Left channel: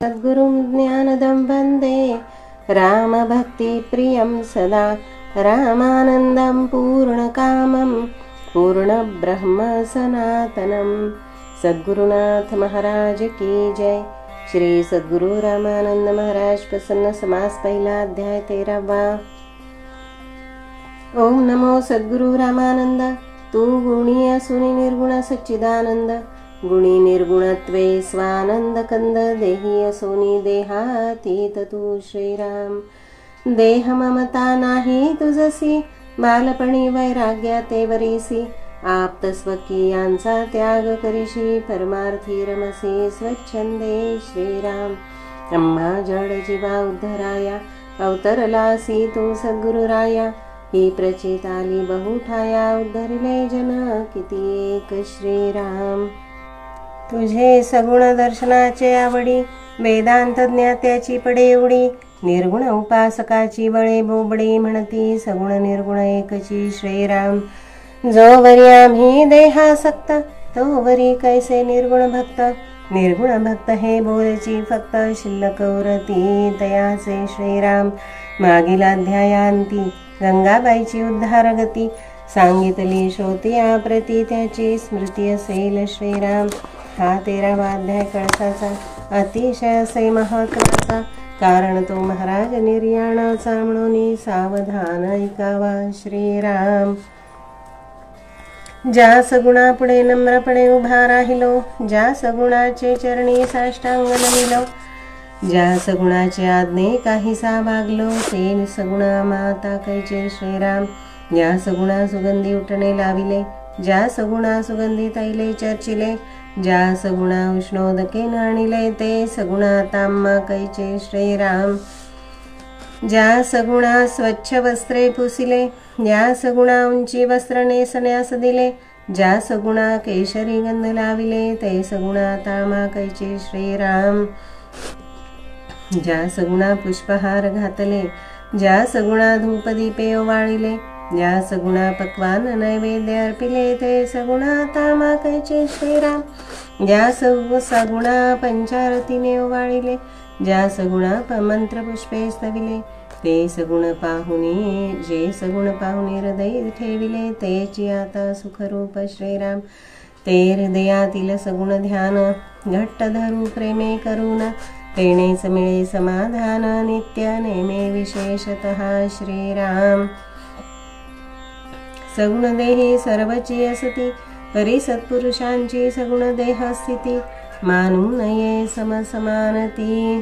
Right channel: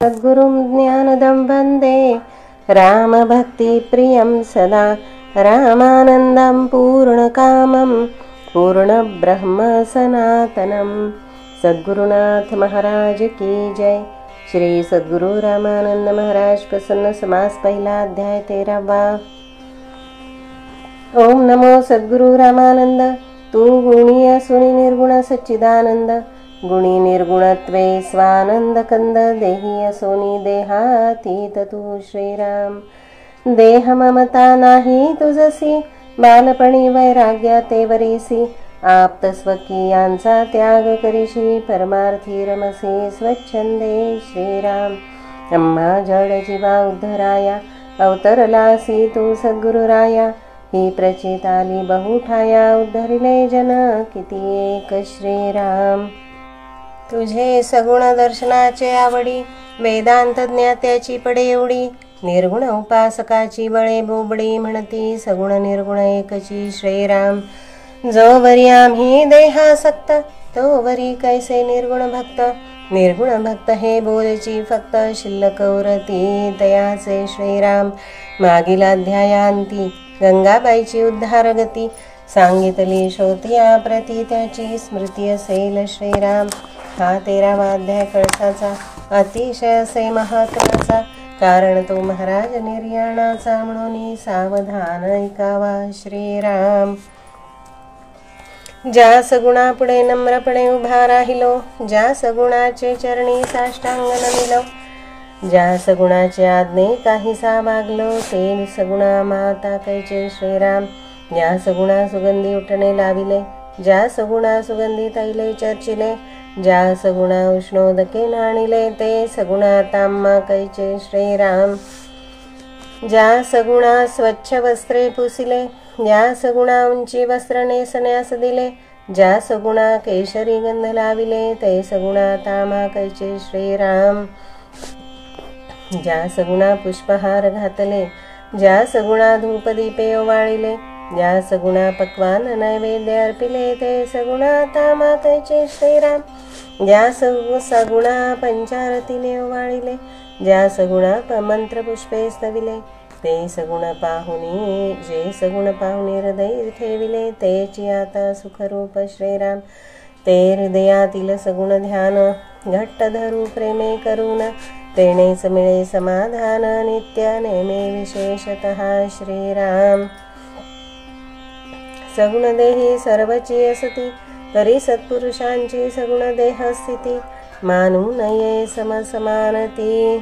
सद्गुरुं ज्ञानदं वन्दे रामभक्तिप्रियं सदा रामानन्दं पूर्णकामं पूर्णब्रह्म सनातनं। सद्गुरुनाथ महाराज की जय। श्री सद्गुरु रामानंद महाराज प्रसन्न समास पहिला अध्याय 13वा। ओम नमो सद्गुरु रामानंद। तू गुणी असुनी निर्गुण सच्चिदानंद, गुणी निर्गुणत्वे स्वानंद कंद, देही असोनी देहातीत तू श्रीराम। देह ममता नाही तुझसी, बालपणी वैराग्या ते वरीसी, आप्त स्वकीयांचा त्याग करीशी, परमार्थी रमसी स्वच्छंदे श्रीराम। अम्हा जड जीवा उद्धराया, अवतरलासी तू सद्गुरुराया, ही प्रचित आली बहुठाया, उद्धरिले जन किती एक श्रीराम। तुझे सगुण दर्शनाचे आवडी, वेदांत ज्ञात्याची पडे एवढी, निर्गुण उपासकाची बळे बोबडी, म्हणती सगुण निर्गुण एकची श्रीराम। जो वरी आम्ही देहासक्त, तो वरी कैसे निर्गुण भक्त, निर्गुण भक्त हे बोलची फक्त, शिल्लक उरती तयाचे श्रीराम। मागील अध्यायांती गंगाबाईची उद्धार गती, सांगितली शोतिया प्रती, त्याची स्मृती असेल श्रीराम। हा 13वा अध्याय कळसाचा, अतिशय असे महत्वाचा, कारण तो महाराज निर्याणाचा, म्हणून सावधान ऐकावा श्रीराम। ज्या सगुणा पुढे नम्रपणे उभा राहिलो, ज्या सगुणाचे चरणी साष्टांग नमिलो, ज्या सगुणाचे आज्ञे काहीसा वागलो, ते सगुणा माता कैचे श्रीराम। ज्या सगुणा सुगंधी उठणे लाविले, ज्या सगुणा सुगंधी तैले चर्चिले, ज्या सगुणा उष्णोदके नाणिले, ते सगुणा ताम्मा कैचे श्रीराम। ज्या सगुणा स्वच्छ वस्त्रे पुसिले, ज्या सगुणा उंची वस्त्र नेसण्यास दिले, ज्या सगुणा केशरी गंध लाविले, ते सगुणा तामा कैचे श्रीराम। ज्या सगुणा पुष्पहार घातले, ज्या सगुणा धूपदीपे ओवाळिले, ज्या सगुणा पक्वान नैवेद्य अर्पिले, ते सगुणा तामा कैचे श्रीराम। ज्या सगुणा पंचारतीने ओवाळिले, ज्या सगुणा मंत्र पुष्पे स्तविले, ते सगुण पाहुणे, जे सगुण पाहुणे हृदय ठेविले, तेची आता सुखरूप श्रीराम। ते हृदयातील सगुण ध्यान, घट्ट धरू प्रेमे करून, तेनेच मिळे समाधान, नित्य नेमे विशेषतः श्रीराम। सगुण देही सर्वची असती, तरी सत्पुरुषांची सगुण देह स्थिती, मानू नये समसमानती,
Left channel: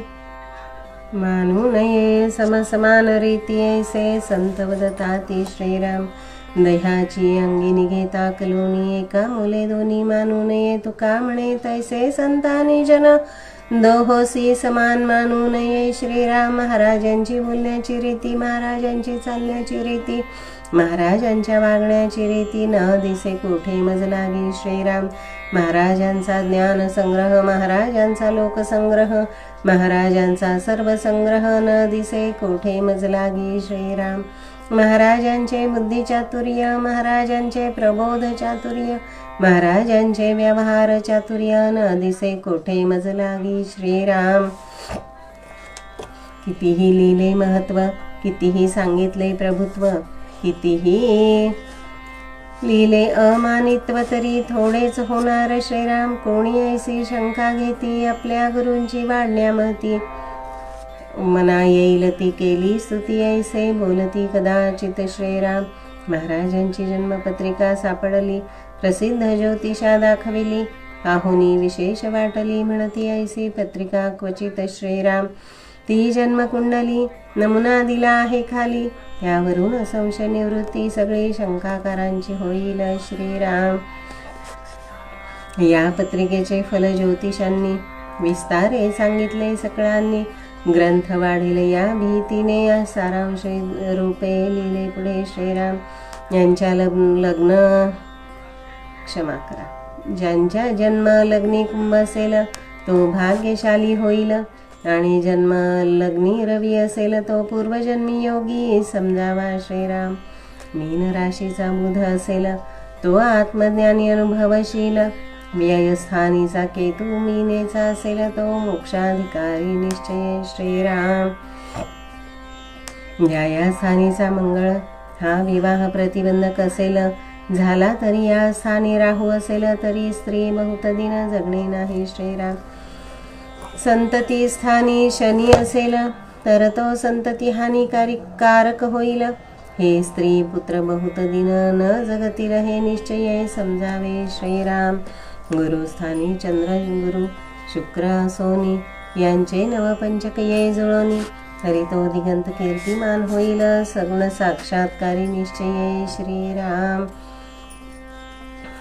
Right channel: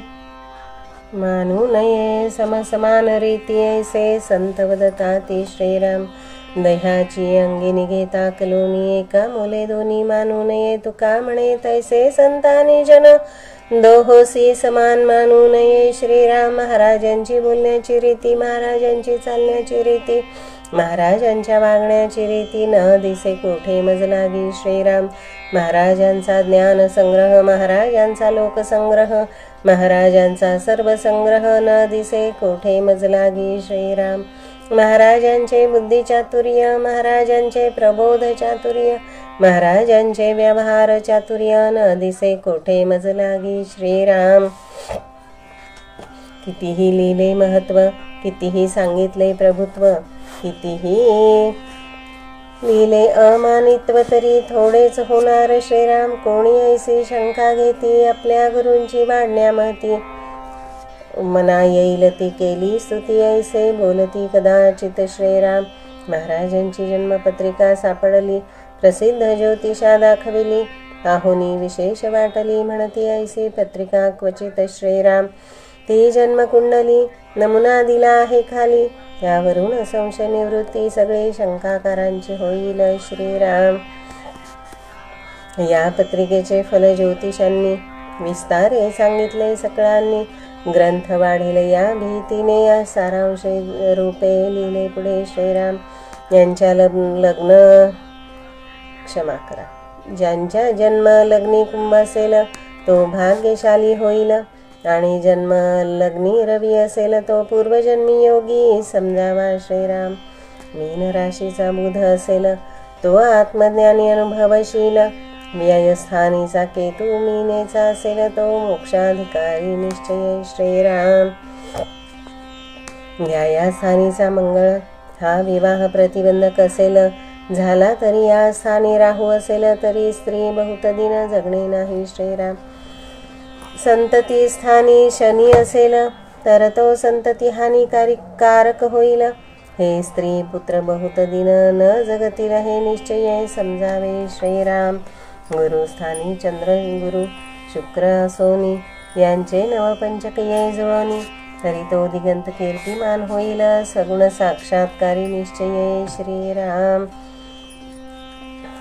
मानू नये समसमान रीती, ऐसे संत वदताती श्रीराम। देहाची अंगिनी घेता कलोनी, एका मुले दोन्ही मानू नये, तुका म्हणे तैसे संतानी जन, दोहोसी समान मानू नये श्रीराम। महाराजांची बोलण्याची रीती, महाराजांची चालण्याची रीती, महाराजांच्या वागण्याची रीती, न दिसे कोठे मज लागी श्रीराम। महाराजांचा ज्ञान संग्रह, महाराजांचा लोकसंग्रह, महाराजांचा सर्व संग्रह, न दिसे कोठे मज लागी श्रीराम। महाराजांचे बुद्धी चातुर्य, महाराजांचे प्रबोध चातुर्य, महाराजांचे व्यवहार चातुर्य, न दिसे कोठे मज लागी श्रीराम। कितीही लिहिले महत्व, कितीही सांगितले प्रभुत्व, कितीही लिहिले अमानित्व, तरी थोडेच होणार श्रीराम। कोणी ऐसी शंका घेती, आपल्या गुरूंची वाढण्यामती, मना येईल ती केली स्तुती, ऐसे बोलती कदाचित श्रीराम। महाराजांची जन्मपत्रिका सापडली, प्रसिद्ध ज्योतिषा दाखविली, पाहुनी विशेष वाटली, म्हणती ऐसी पत्रिका क्वचित श्रीराम। ती जन्मकुंडली नमुना दिला आहे खाली, त्यावरून संशय निवृत्ती सगळे शंकाकारांची होईल श्रीराम। या पत्रिकेचे फल ज्योतिषांनी विस्तारे सांगितले सकळांनी, ग्रंथ वाढेल या भीतीने, या सारांश रूपे लिहिले पुढे श्रीराम। यांच्या लग्न क्षमा करा, ज्यांच्या जन्म लग्नी कुंभ असेल, तो भाग्यशाली होईल, आणि जन्म लग्नी रवी असेल, तो पूर्वजन्मी योगी समजावा श्रीराम। मीन राशीचा बुध असेल, तो आत्मज्ञानी अनुभवशील, व्ययस्थानीचा केतू मीनेचा असेल तो मोक्षाधिकारी निश्चय श्रीराम. न्यायास्थानीचा मंगळ हा विवाह प्रतिबंधक असेल, झाला तरी या स्थानी राहू असेल तरी स्त्री बहुत दिन जगणे नाही श्रीराम. संतती स्थानी शनी असेल तर तो संतती हानिकारक होईल. हे स्त्री पुत्र बहुत दिन न जगतील हे निश्चय समजावे श्रीराम. गुरुस्थानी चंद्र गुरु शुक्र असोनी यांचे नवपंचक ये जुळणी, तरी तो दिगंत कीर्तिमान होईल सगुण साक्षात्कारी निश्चय श्रीराम.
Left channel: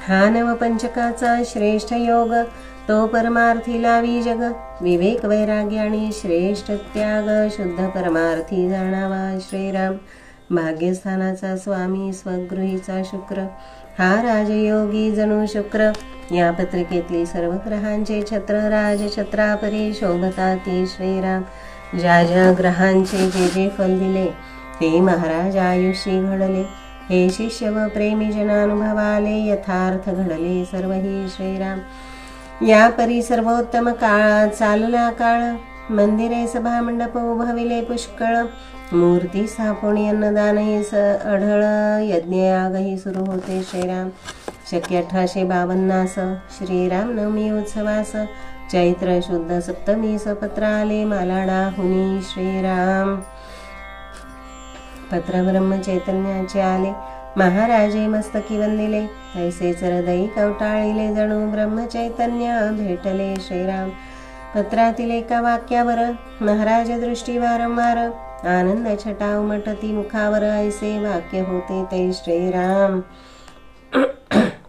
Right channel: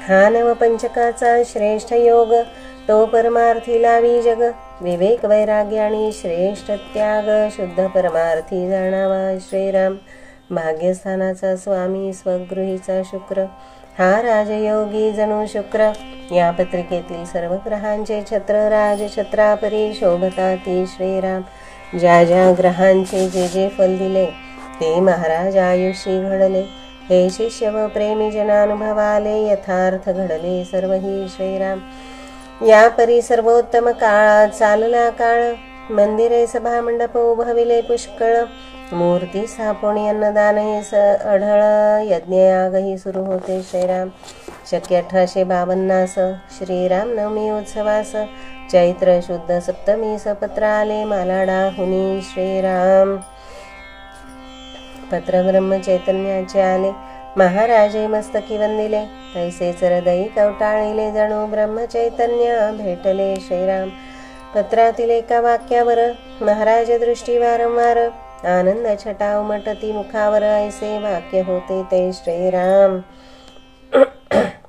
हा नवपंचकाचा श्रेष्ठ योग तो परमार्थी लावी जग. विवेक वैराग्य आणि श्रेष्ठ त्याग शुद्ध परमार्थी जाणावा श्रीराम. भाग्यस्थानाचा स्वामी स्वगृहीचा शुक्र हा राजयोगी जणू शुक्र. या पत्रिकेतील सर्व ग्रहांचे छत्र राजछत्रापरी शोभताती श्रीराम. ज्या ज्या ग्रहांचे जे जे फल दिले ते महाराज आयुष्यी घडले. हे शिष्य व प्रेमी जनानुभवाले यथार्थ घडले सर्वही श्रीराम. या परी सर्वोत्तम काळ चालला काळ. मंदिरे सभा मंडप उभविले पुष्कळ. मूर्ती स्थापणी अन्नदानही अढळ. यज्ञयागही सुरू होते श्रीराम. शक्य 1852 श्रीराम नवमी उत्सवास चैत्र शुद्ध सप्तमी पत्र आले मालाडा हुनी श्रीराम. पत्र ब्रह्म चैतन्याचे आले. महाराजे मस्तकी वंदिले. तैसेच हृदयी कवटाळिले जणू ब्रह्म चैतन्य भेटले श्रीराम. पत्रातील एका वाक्यावर महाराज दृष्टी वारंवार. आनंद छटा उमटती मुखावर ऐसे वाक्य होते ते श्रीराम.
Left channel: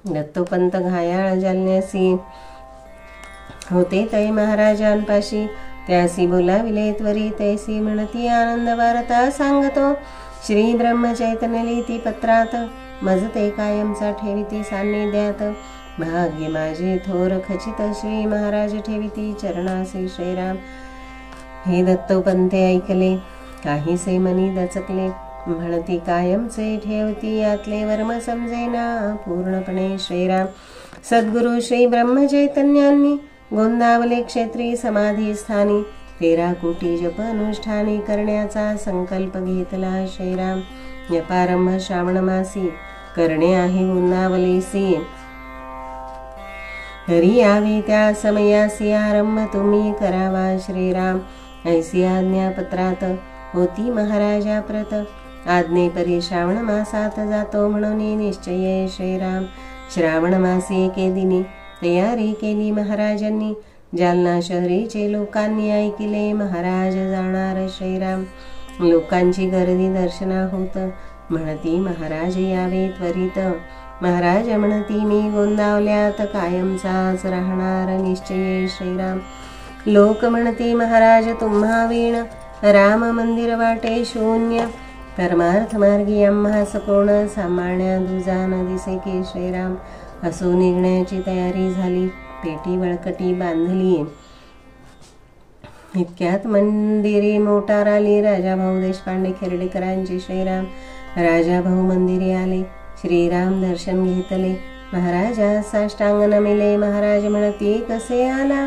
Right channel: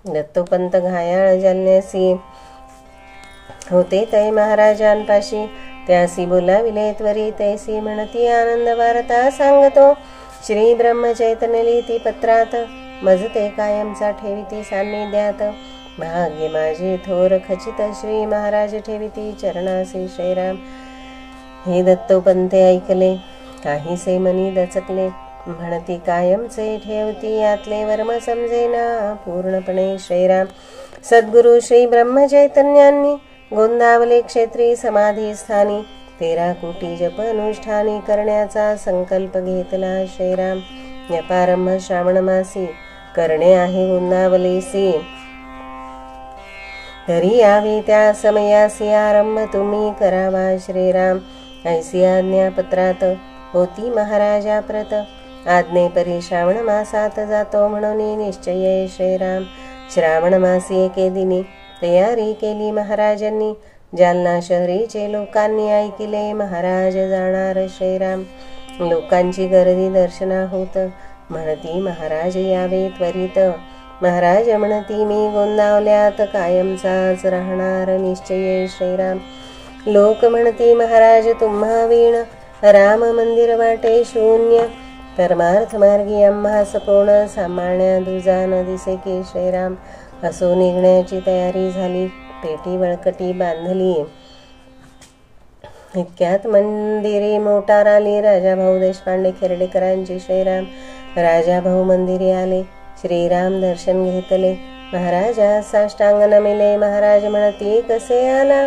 दत्तोपंत घायाळ जलन्यासी होते तै महाराजांपाशी. त्यासी बोलाविले त्वरी तैसी म्हणती आनंद वार्ता सांगतो. श्री ब्रह्म चैतन्य लिहिती पत्रात. मजते कायमचा ठेविती सान्निध्यात. भाग्य माझे थोर खचित श्री महाराज ठेविती चरणासी श्रीराम. हे दत्तोपंते ऐकले काहीसे मनी दचकले. म्हणती कायमचे ठेवती यातले वर्म समजेना पूर्णपणे श्रीराम. सद्गुरु श्री ब्रह्म चैतन्यांनी गोंदावले क्षेत्री समाधी स्थानी. 13 कोटी जप अनुष्ठाने करण्याचा संकल्प घेतला श्रीराम. यपारंभ श्रावण मासी करणे आहे गोंदावलेसी. तरी यावे त्या समयासी आरंभ तुम्ही करावा श्रीराम. ऐसी आज्ञा पत्रात होती महाराजा प्रत. आज्ञेपरी श्रावण मासात जातो म्हणून निश्चय श्रीराम. श्रावण मासी एके दिनी तयारी केली महाराजांनी. जालना शहरीचे लोकांनी ऐकिले महाराज जाणार श्रीराम. लोकांची गर्दी दर्शना होत. म्हणती महाराज यावे त्वरित. महाराज म्हणती मी गोंदावल्यात कायमचाच राहणार निश्चय श्रीराम. लोक म्हणती महाराज तुम्हा वीण. राम मंदिर वाटे शून्य. परमार्थ मार्गी आम्हास कोण सांभाळण्या दुजा न दिसे की श्रीराम. असो निघण्याची तयारी झाली. पेटी वळकटी बांधली. इतक्यात मंदिरे मोटार आली. राजाभाऊ देशपांडे खेर्डेकरांची श्रीराम. राजाभाऊ मंदिरी आले. श्रीराम दर्शन घेतले. महाराजा साष्टांग नमिले. महाराज म्हणती कसे आला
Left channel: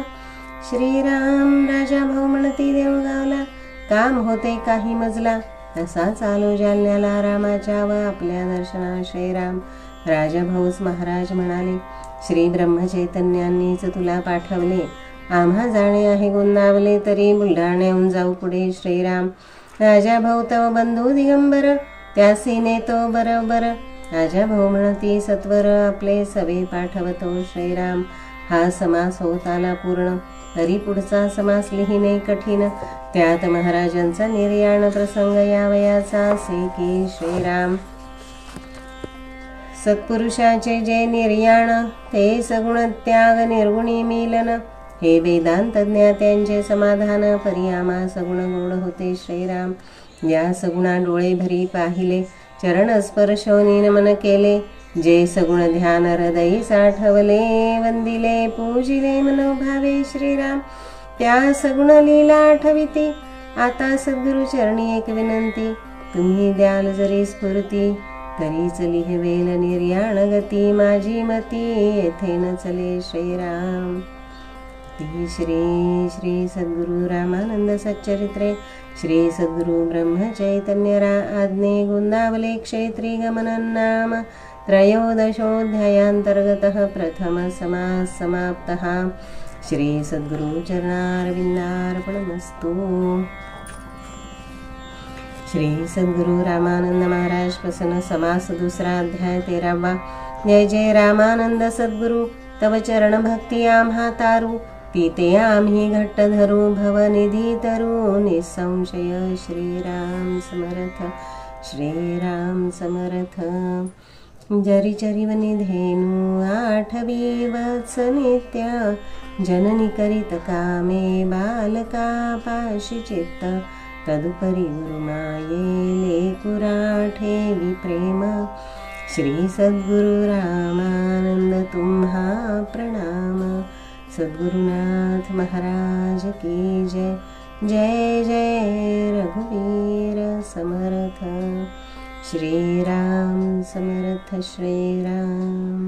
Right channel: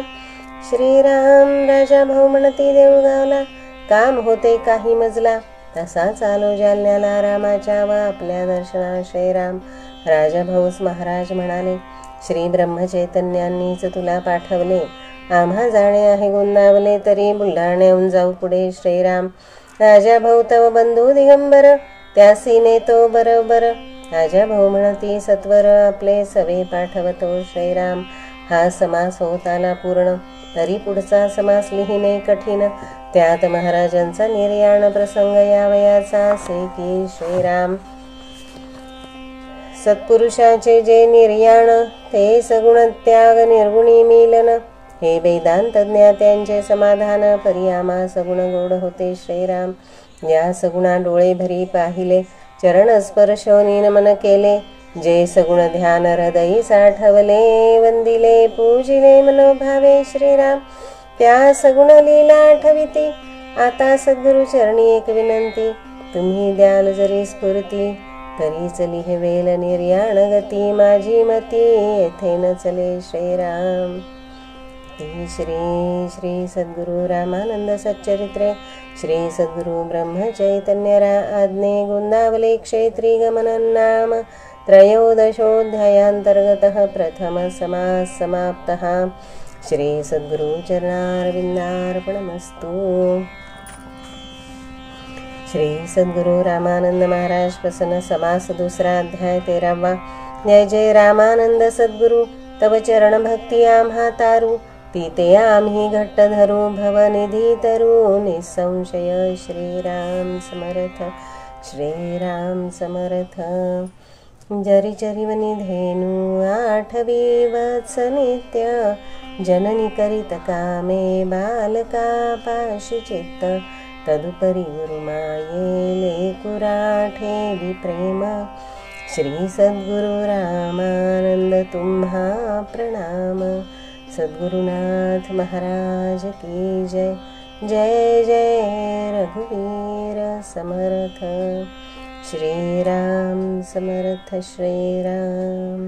श्रीराम. राजाभाऊ म्हणती देऊळगावला काम होते काही मजला. तसा चालू जालन्याला रामाच्या व आपल्या दर्शना श्रीराम. राजाभाऊस महाराज म्हणाले श्री ब्रह्मचैतन्यांनीच तुला पाठवले. आम्हा जाणे आहे गोंदावले तरी बुलढाण्याहून जाऊ पुढे श्रीराम. राजाभाऊ तव बंधू दिगंबर त्यासी नेतो बरोबर. राजाभाऊ म्हणती सत्वर आपले सवे पाठवतो श्रीराम. हा समास होत आला पूर्ण. तरी पुढचा समास लिहिणे कठीण. त्यात महाराजांचा निर्याण प्रसंग यावयाचा असे की श्रीराम. सत्पुरुषाचे जे निर्याण ते सगुण त्याग निर्गुणी मिलन. हे वेदांत ज्ञात्यांचे समाधान परी आम्हा सगुण गोड होते श्रीराम. या सगुणा डोळे भरी पाहिले. चरण स्पर्शोनी नमन केले. जे सगुण ध्यान हृदयी साठवले. वंदिले पूजिले मनोभावे श्रीराम. त्या सगुण लीला आठविती. आता सद्गुरु चरणी एक विनंती. तुम्ही द्याल जरी स्फूर्ती करी चली हे वेल निर्याण गती माझी मती येथे न चले श्रीराम। श्री श्री सद्गुरु रामानंद सच्चरित्रे श्री सद्गुरु ब्रह्म चैतन्य आज्ञे गुंदावले क्षेत्री गमनं नाम त्रयोदशोऽध्यायान्तर्गतः प्रथम समास समाप्तः। श्री सद्गुरु चरणारविन्दार्पणमस्तु। श्री सद्गुरु रामानंद महाराज प्रसन्न समास दूसरा अध्याय 13वां। जय जय रामानंद सद्गुरु तव चरण भक्ती आम्हा तारू पीते आम्ही घट्ट धरू भवनिधी तरू निसंशय श्रीराम समर्थ श्रीराम समर्थ। जरी चरिवनी धेनु 8 वत्स नित्य जननी करीत कामे बालका पाशी चित्त तदुपरी गुरुमाये लेकुराठे विप्रेम। श्री सद्गुरु रामानंद तुम्हा प्रणाम। सद्गुरुनाथ महाराज की जय। जय जय रघुवीर समर्थ श्रीराम समर्थ श्रीराम।